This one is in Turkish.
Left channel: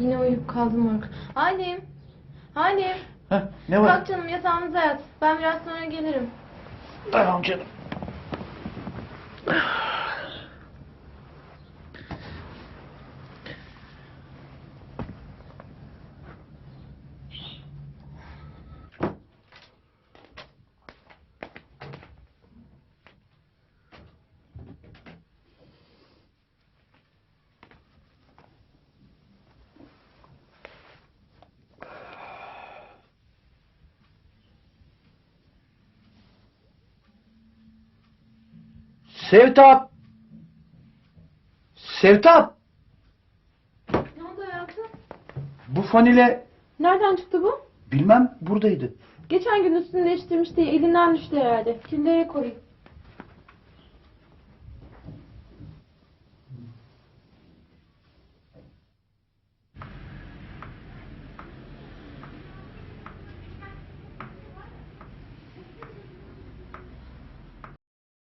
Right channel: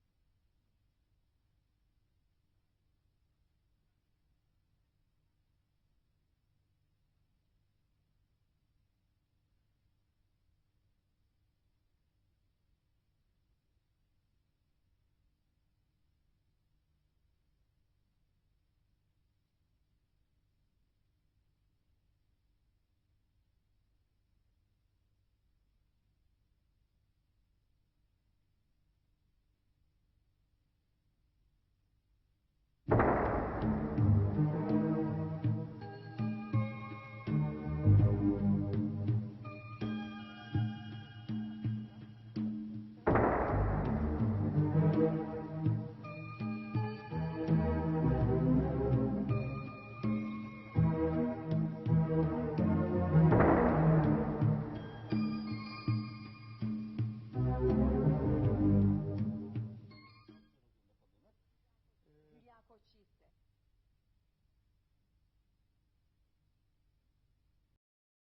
Yine uyuyup kaldım Orkun. Halim. Halim. Heh, ne var? Kalk canım yatağımıza yat. Ben biraz sonra gelirim. Tamam canım. Sevtap! Sevtap! Ne oldu hayatım? Bu fanile Nereden çıktı bu? bilmem buradaydı. Geçen gün üstünü değiştirmiş diye elinden düştü herhalde. Killere koyayım.